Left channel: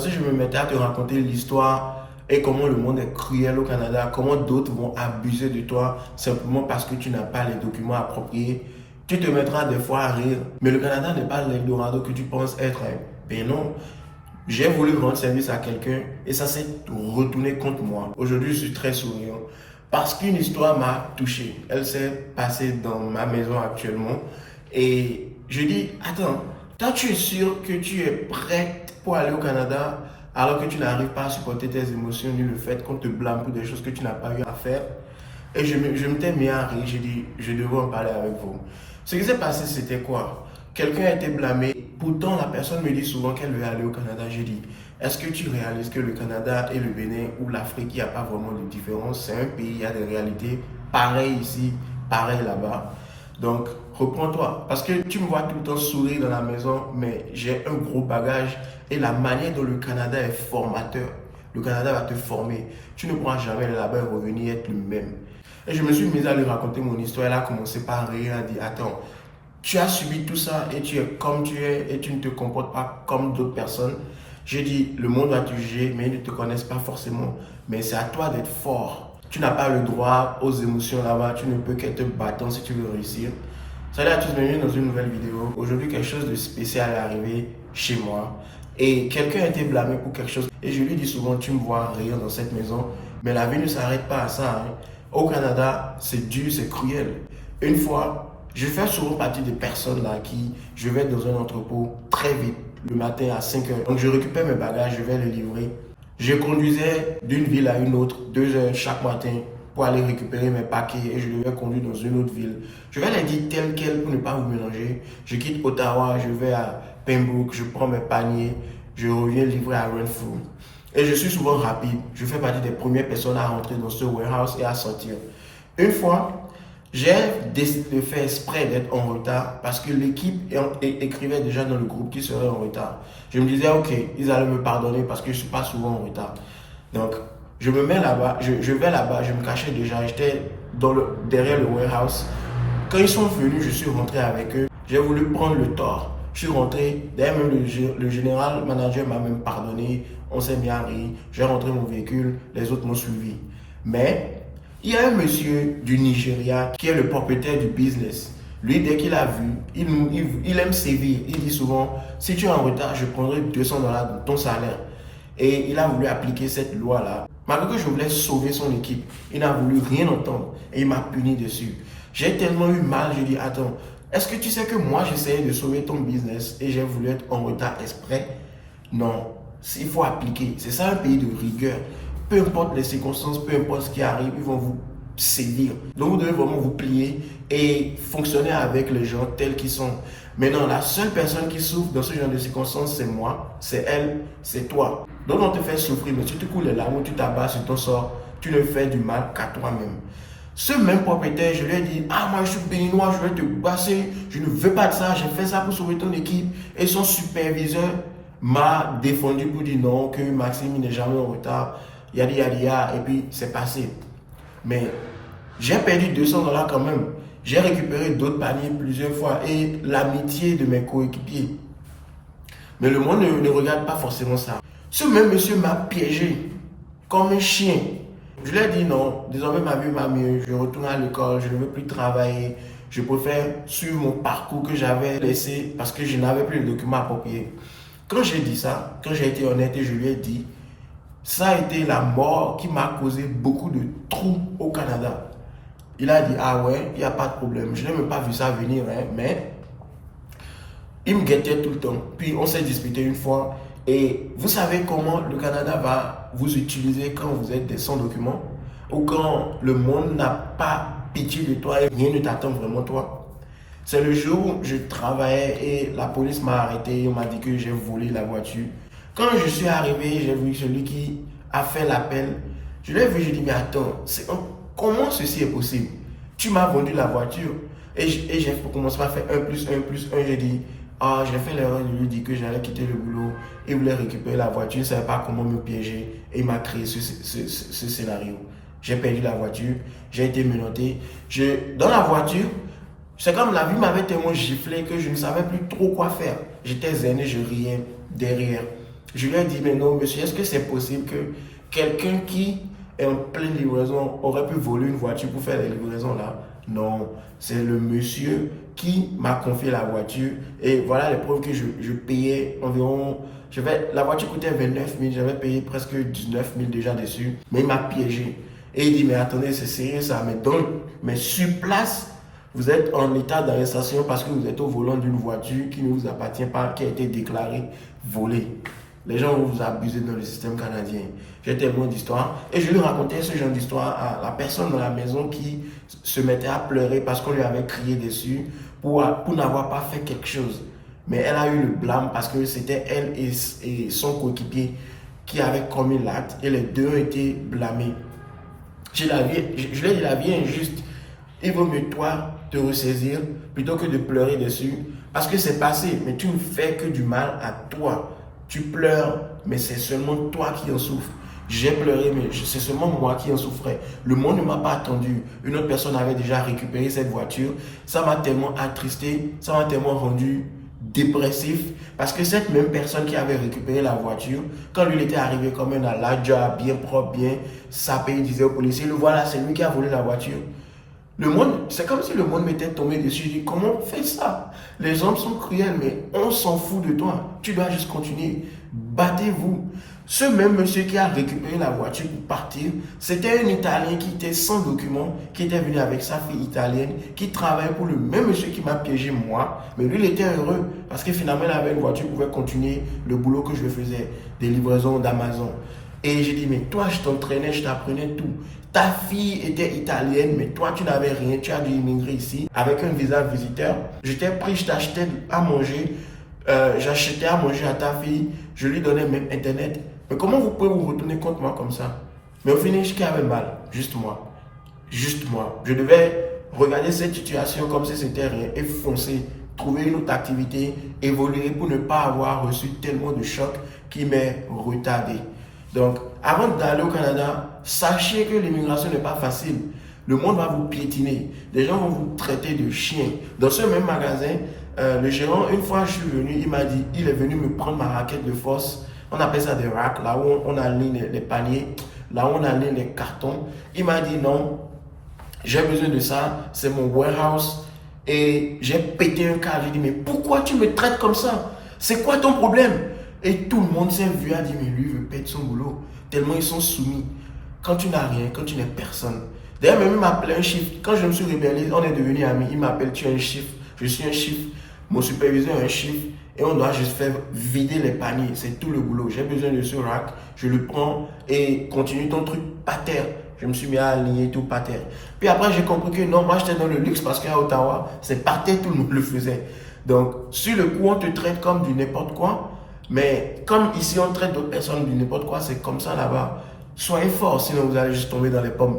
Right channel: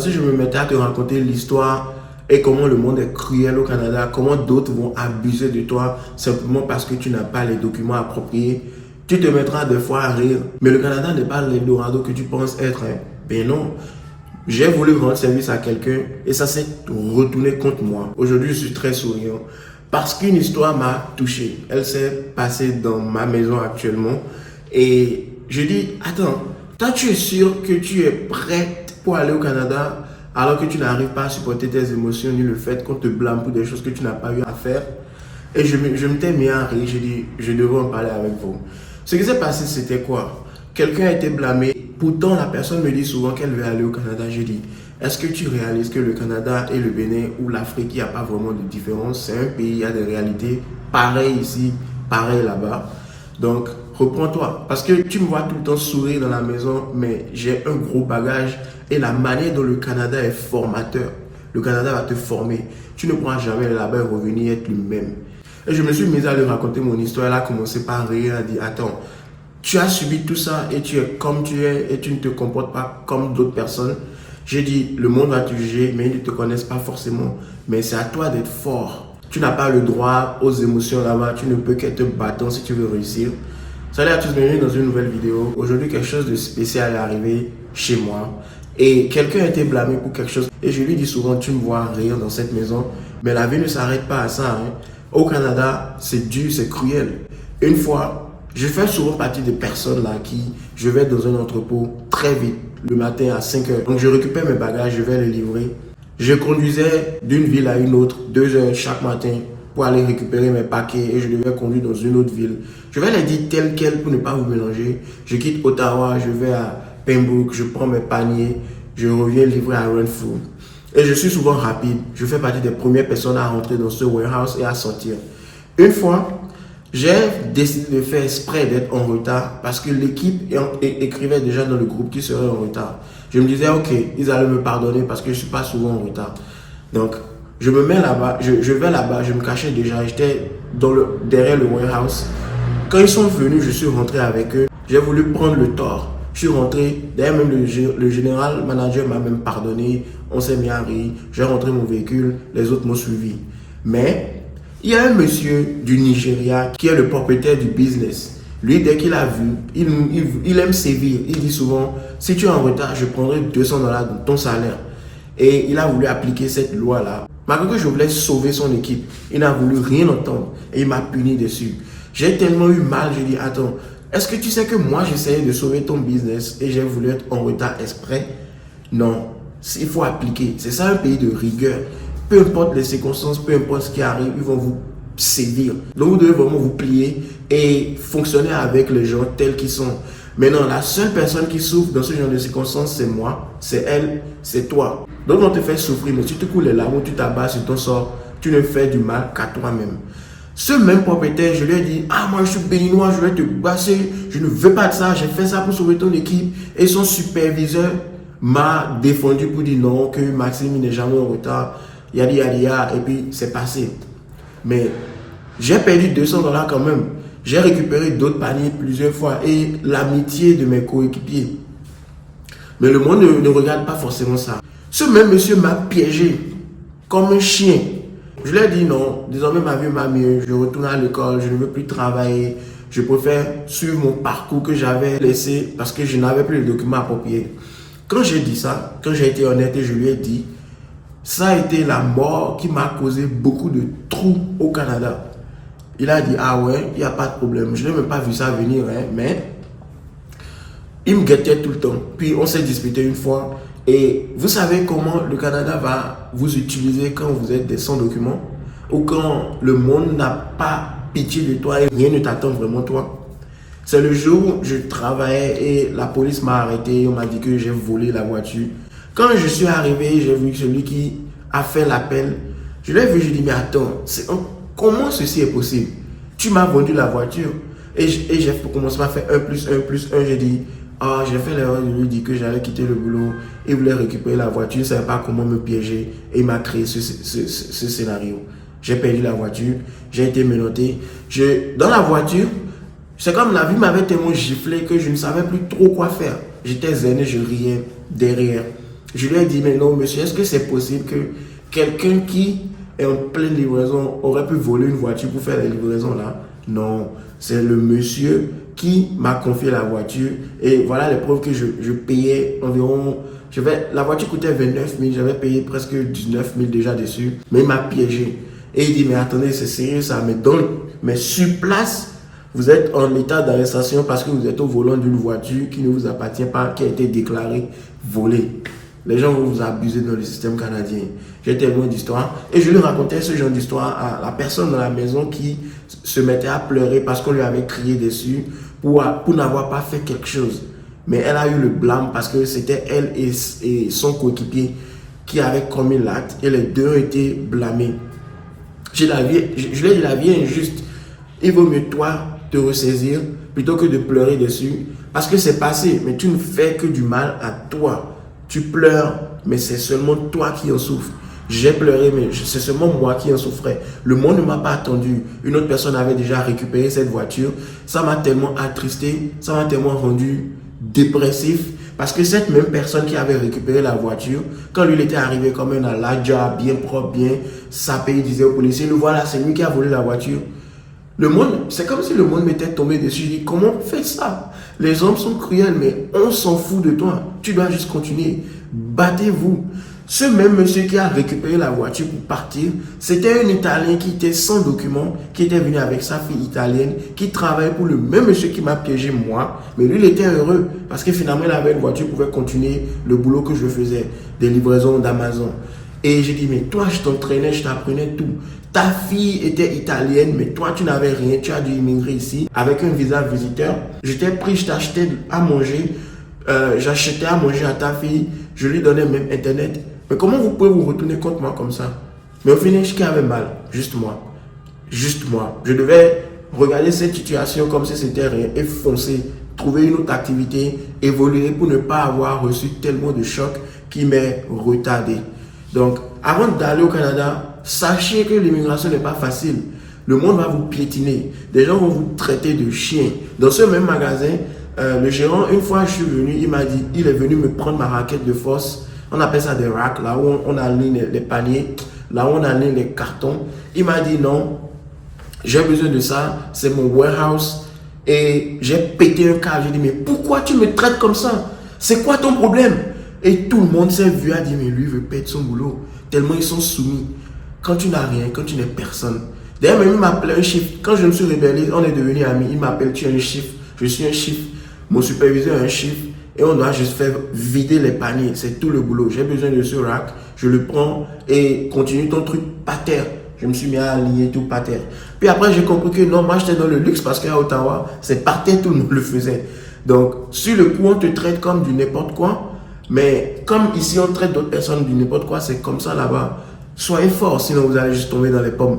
Si je me mettais à te raconter l'histoire et comment le monde est cruel au Canada, comment d'autres vont abuser de toi simplement parce que tu n'as pas les documents appropriés, tu te mettras des fois à rire. Mais le Canada n'est pas l'Eldorado que tu penses être. Ben non. J'ai voulu rendre service à quelqu'un et ça s'est retourné contre moi. Aujourd'hui, je suis très souriant parce qu'une histoire m'a touché. Elle s'est passée dans ma maison actuellement et je dis, attends, toi tu es sûr que tu es prête pour aller au Canada alors que tu n'arrives pas à supporter tes émotions ni le fait qu'on te blâme pour des choses que tu n'as pas eu à faire. Et je m'étais mis à rire, j'ai dit, je devrais en parler avec vous. Ce qui s'est passé, c'était quoi? Quelqu'un a été blâmé. Pourtant, la personne me dit souvent qu'elle veut aller au Canada. J'ai dit, est-ce que tu réalises que le Canada et le Bénin ou l'Afrique, il n'y a pas vraiment de différence? C'est un pays, il y a des réalités pareilles ici, pareilles là-bas. Donc, reprends-toi. Parce que tu me vois tout le temps sourire dans la maison, mais j'ai un gros bagage et la manière dont le Canada est formateur. Le Canada va te former. Tu ne pourras jamais aller là-bas et revenir être le même. Et je me suis mis à lui raconter mon histoire. Elle a commencé par rire. Elle a dit, attends, tu as subi tout ça et tu es comme tu es et tu ne te comportes pas comme d'autres personnes. J'ai dit, le monde va te juger, mais ils ne te connaissent pas forcément. Mais c'est à toi d'être fort. Tu n'as pas le droit aux émotions là-bas. Tu ne peux qu'être battant si tu veux réussir. Salut à tous, bienvenue dans une nouvelle vidéo. Aujourd'hui, quelque chose de spécial est arrivé chez moi. Et quelqu'un a été blâmé pour quelque chose. Et je lui dis souvent, tu me vois rire dans cette maison. Mais la vie ne s'arrête pas à ça. Au Canada, c'est dur, c'est cruel. Une fois, je fais souvent partie des personnes là qui, je vais dans un entrepôt très vite, le matin à 5 heures. Donc je récupère mes bagages, je vais les livrer. Je conduisais d'une ville à une autre, 2 heures chaque matin pour aller récupérer mes paquets et je devais conduire dans une autre ville. Je vais les dire telles quelles pour ne pas vous mélanger. Je quitte Ottawa, je vais à Pembroke, je prends mes paniers, je reviens livrer à Renfrew. Et je suis souvent rapide. Je fais partie des premières personnes à rentrer dans ce warehouse et à sortir. Une fois, j'ai décidé de faire exprès d'être en retard parce que l'équipe écrivait déjà dans le groupe qui serait en retard. Je me disais, ok, ils allaient me pardonner parce que je ne suis pas souvent en retard. Donc, je me mets là-bas, je vais là-bas, je me cachais déjà, j'étais derrière le warehouse. Quand ils sont venus, je suis rentré avec eux. J'ai voulu prendre le tort. Je suis rentré, d'ailleurs même le général manager m'a même pardonné, on s'est mis à rire, j'ai rentré mon véhicule, les autres m'ont suivi. Mais il y a un monsieur du Nigeria qui est le propriétaire du business. Lui, dès qu'il a vu, il aime sévir. Il dit souvent, si tu es en retard, je prendrai $200 de ton salaire. Et il a voulu appliquer cette loi-là. Malgré que je voulais sauver son équipe, il n'a voulu rien entendre et il m'a puni dessus. J'ai tellement eu mal, j'ai dit, attends, est-ce que tu sais que moi j'essayais de sauver ton business et j'ai voulu être en retard exprès? Non, il faut appliquer. C'est ça un pays de rigueur. Peu importe les circonstances, peu importe ce qui arrive, ils vont vous sévir. Donc vous devez vraiment vous plier et fonctionner avec les gens tels qu'ils sont. Maintenant, la seule personne qui souffre dans ce genre de circonstances, c'est moi, c'est elle, c'est toi. Donc on te fait souffrir, mais tu te coules les larmes, tu t'abats sur ton sort, tu ne fais du mal qu'à toi-même. Ce même propriétaire, je lui ai dit, ah moi je suis béninois, je vais te passer, je ne veux pas de ça, j'ai fait ça pour sauver ton équipe. Et son superviseur m'a défendu pour dire non, que Maxime n'est jamais en retard, yadi yadi yadi, et puis c'est passé. Mais j'ai perdu $200 quand même. J'ai récupéré d'autres paniers plusieurs fois et l'amitié de mes coéquipiers. Mais le monde ne regarde pas forcément ça. Ce même monsieur m'a piégé comme un chien. Je lui ai dit non, désormais ma vie va mieux, je retourne à l'école, je ne veux plus travailler. Je préfère suivre mon parcours que j'avais laissé parce que je n'avais plus les documents appropriés. Quand j'ai dit ça, quand j'ai été honnête et je lui ai dit, ça a été la mort qui m'a causé beaucoup de trous au Canada. Il a dit, ah ouais, il n'y a pas de problème. Je n'ai même pas vu ça venir, mais il me guettait tout le temps. Puis on s'est disputé une fois. Et vous savez comment le Canada va vous utiliser quand vous êtes sans documents ou quand le monde n'a pas pitié de toi et rien ne t'attend vraiment toi. C'est le jour où je travaillais et la police m'a arrêté. On m'a dit que j'ai volé la voiture. Quand je suis arrivé, j'ai vu celui qui a fait l'appel. Je l'ai vu, je lui ai dit, mais attends, comment ceci est possible? Tu m'as vendu la voiture. Et j'ai commencé à faire 1 plus 1 plus 1. J'ai dit, ah, j'ai fait l'erreur de lui dire que j'allais quitter le boulot. Il voulait récupérer la voiture. Il ne savait pas comment me piéger. Et il m'a créé ce scénario. J'ai perdu la voiture. J'ai été menotté. Dans la voiture, c'est comme la vie m'avait tellement giflé que je ne savais plus trop quoi faire. J'étais zen et je riais derrière. Je lui ai dit, mais non, monsieur, est-ce que c'est possible que quelqu'un qui est en pleine livraison aurait pu voler une voiture pour faire les livraisons là? Non, c'est le monsieur qui m'a confié la voiture. Et voilà les preuves que je payais environ... La voiture coûtait 29 000, j'avais payé presque 19 000 déjà dessus. Mais il m'a piégé. Et il dit, mais attendez, c'est sérieux ça. Mais sur place, vous êtes en état d'arrestation parce que vous êtes au volant d'une voiture qui ne vous appartient pas, qui a été déclarée volée. Les gens vont vous abuser dans le système canadien. J'ai tellement d'histoires. Et je lui racontais ce genre d'histoire à la personne dans la maison qui se mettait à pleurer parce qu'on lui avait crié dessus pour n'avoir pas fait quelque chose. Mais elle a eu le blâme parce que c'était elle et son coéquipier qui avaient commis l'acte et les deux ont été blâmés. Je lui ai dit, la vie est injuste. Il vaut mieux toi te ressaisir plutôt que de pleurer dessus parce que c'est passé, mais tu ne fais que du mal à toi. Tu pleures, mais c'est seulement toi qui en souffres. J'ai pleuré, mais c'est seulement moi qui en souffrais. Le monde ne m'a pas attendu. Une autre personne avait déjà récupéré cette voiture. Ça m'a tellement attristé, ça m'a tellement rendu dépressif. Parce que cette même personne qui avait récupéré la voiture, quand lui il était arrivé comme un aladja, bien propre, bien sapé, il disait au policier, le voilà, c'est lui qui a volé la voiture. Le monde, c'est comme si le monde m'était tombé dessus. Je dis, comment on fait ça? Les hommes sont cruels, mais on s'en fout de toi. Tu dois juste continuer. Battez-vous. Ce même monsieur qui a récupéré la voiture pour partir, c'était un Italien qui était sans document, qui était venu avec sa fille italienne, qui travaillait pour le même monsieur qui m'a piégé moi. Mais lui, il était heureux parce que finalement, il avait une voiture, il pouvait continuer le boulot que je faisais, des livraisons d'Amazon. Et j'ai dit, mais toi, je t'entraînais, je t'apprenais tout. Ta fille était italienne, mais toi, tu n'avais rien. Tu as dû immigrer ici avec un visa visiteur. Je t'ai pris, je t'achetais à manger. J'achetais à manger à ta fille. Je lui donnais même Internet. Mais comment vous pouvez vous retourner contre moi comme ça? Mais au final, qui avait mal? Juste moi. Juste moi. Je devais regarder cette situation comme si c'était rien et foncer. Trouver une autre activité, évoluer pour ne pas avoir reçu tellement de chocs qui m'est retardé. Donc, avant d'aller au Canada, sachez que l'immigration n'est pas facile. Le monde va vous piétiner. Des gens vont vous traiter de chien. Dans ce même magasin, le gérant, une fois je suis venu, il m'a dit, il est venu me prendre ma raquette de force. On appelle ça des racks, là où on aligne les paniers, là où on aligne les cartons. Il m'a dit non, j'ai besoin de ça, c'est mon warehouse. Et j'ai pété un câble. J'ai dit, mais pourquoi tu me traites comme ça? C'est quoi ton problème? Et tout le monde s'est vu à dire, mais lui veut perdre son boulot. Tellement ils sont soumis. Quand tu n'as rien, quand tu n'es personne. D'ailleurs, même il m'appelait un chiffre. Quand je me suis rébellé, on est devenus amis. Il m'appelle, tu es un chiffre. Je suis un chiffre. Mon superviseur est un chiffre. Et on doit juste faire vider les paniers. C'est tout le boulot. J'ai besoin de ce rack. Je le prends et continue ton truc par terre. Je me suis mis à aligner tout par terre. Puis après, j'ai compris que non, moi, j'étais dans le luxe parce qu'à Ottawa, c'est par terre, tout le monde le faisait. Donc, sur le coup, on te traite comme du n'importe quoi. Mais comme ici, on traite d'autres personnes du n'importe quoi, c'est comme ça là-bas. Soyez forts, sinon vous allez juste tomber dans les pommes.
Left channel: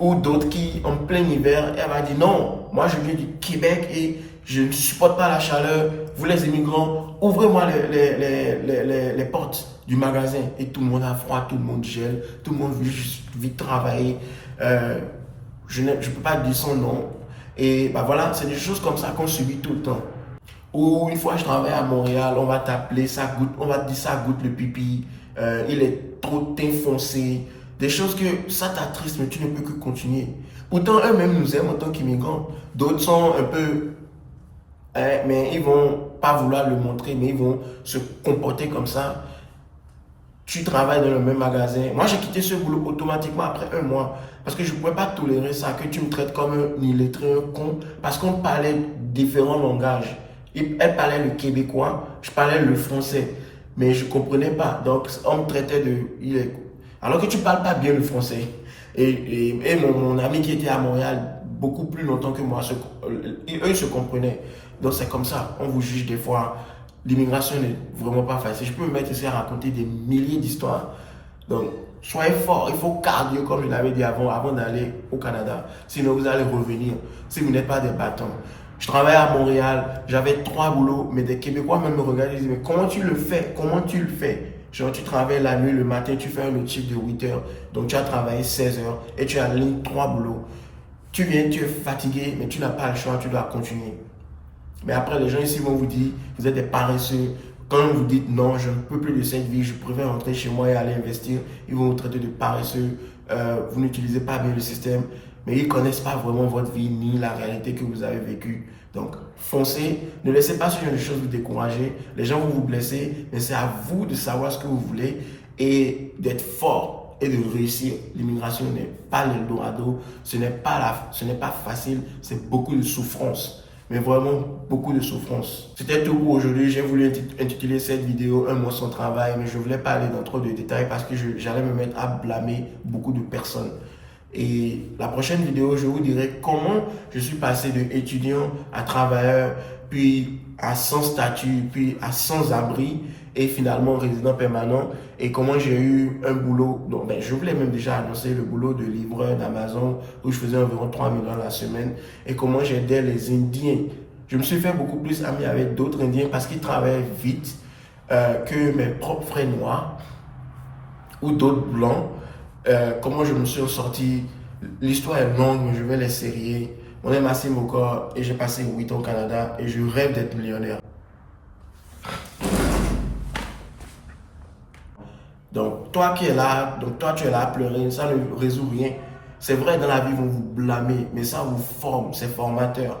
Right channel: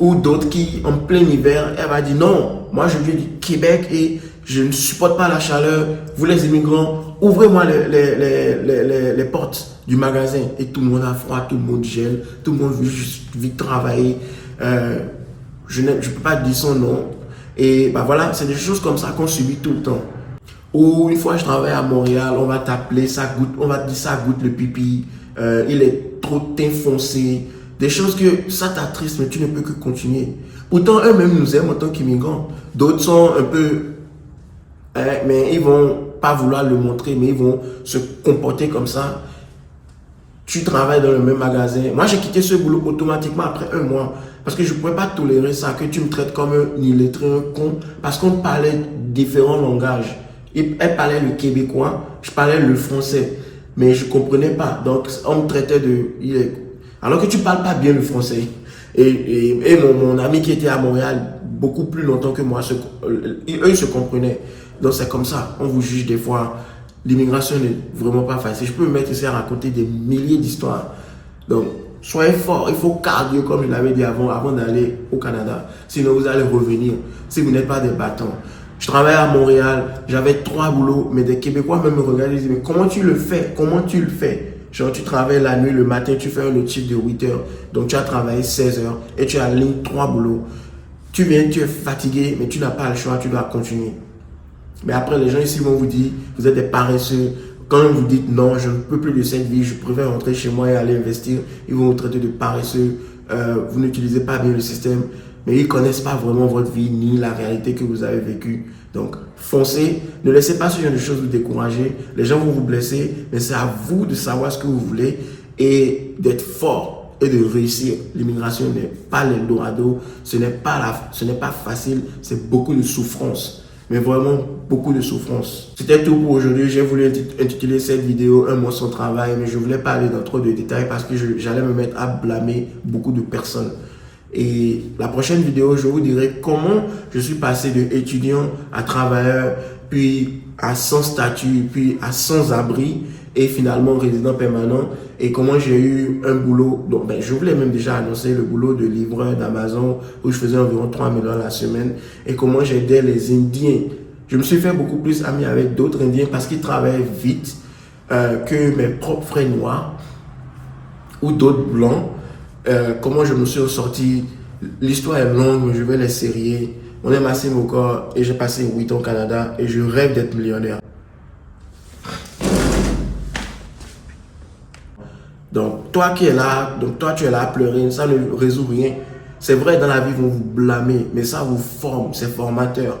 Ou d'autres qui, en plein hiver, elle va dire non, moi je viens du Québec et je ne supporte pas la chaleur. Vous les immigrants, ouvrez-moi les portes du magasin. Et tout le monde a froid, tout le monde gèle, tout le monde veut juste vite travailler. Je ne peux pas dire son nom. Et bah voilà, c'est des choses comme ça qu'on subit tout le temps. Ou une fois je travaille à Montréal, on va t'appeler, ça goûte, on va te dire ça goûte le pipi, il est trop foncé. Des choses que ça t'attriste, mais tu ne peux que continuer. Pourtant, eux-mêmes nous aiment en tant qu'immigrants. D'autres sont un peu... mais ils vont pas vouloir le montrer, mais ils vont se comporter comme ça. Tu travailles dans le même magasin. Moi, j'ai quitté ce boulot automatiquement après un mois. Parce que je ne pouvais pas tolérer ça, que tu me traites comme un illettré, un con. Parce qu'on parlait différents langages. Elle parlait le québécois, je parlais le français. Mais je ne comprenais pas. Donc, on me traitait de... Alors que tu ne parles pas bien le français. Et mon ami qui était à Montréal beaucoup plus longtemps que moi, eux, ils se comprenaient. Donc, c'est comme ça. On vous juge des fois. L'immigration n'est vraiment pas facile. Je peux me mettre ici à raconter des milliers d'histoires. Donc, soyez forts. Il faut cardio, comme je l'avais dit avant d'aller au Canada. Sinon, vous allez revenir. Si vous n'êtes pas des battants. Je travaillais à Montréal. J'avais 3 boulots. Mais des Québécois même me regardaient et disaient, mais comment tu le fais? Comment tu le fais? Genre, tu travailles la nuit, le matin, tu fais un autre chiffre de 8 heures. Donc, tu as travaillé 16 heures et tu as ligne 3 boulots. Tu viens, tu es fatigué, mais tu n'as pas le choix, tu dois continuer. Mais après, les gens ici vont vous dire, vous êtes des paresseux. Quand vous dites non, je ne peux plus de cette vie, je préfère rentrer chez moi et aller investir, ils vont vous traiter de paresseux, vous n'utilisez pas bien le système, mais ils ne connaissent pas vraiment votre vie ni la réalité que vous avez vécue. Donc, foncez, ne laissez pas ce genre de choses vous décourager. Les gens vont vous blesser, mais c'est à vous de savoir ce que vous voulez et d'être fort et de réussir. L'immigration n'est pas l'Eldorado, ce n'est pas facile, c'est beaucoup de souffrance. Mais vraiment beaucoup de souffrance. C'était tout pour aujourd'hui. J'ai voulu intituler cette vidéo Un mois sans travail, mais je ne voulais pas aller dans trop de détails parce que j'allais me mettre à blâmer beaucoup de personnes. Et la prochaine vidéo, je vous dirai comment je suis passé de étudiant à travailleur, puis à sans statut, puis à sans abri, et finalement résident permanent, et comment j'ai eu un boulot. Donc, je voulais même déjà annoncer le boulot de livreur d'Amazon où je faisais environ 3 000 $ la semaine, et comment j'aidais les Indiens. Je me suis fait beaucoup plus ami avec d'autres Indiens parce qu'ils travaillaient vite que mes propres frères noirs ou d'autres blancs. Comment je me suis sorti. L'histoire est longue, mais je vais les sérier. Mon nom est Massimo Moko et j'ai passé 8 ans au Canada et je rêve d'être millionnaire. Donc, toi qui es là, tu es là à pleurer, ça ne résout rien. C'est vrai, dans la vie, ils vont vous blâmer, mais ça vous forme, c'est formateur.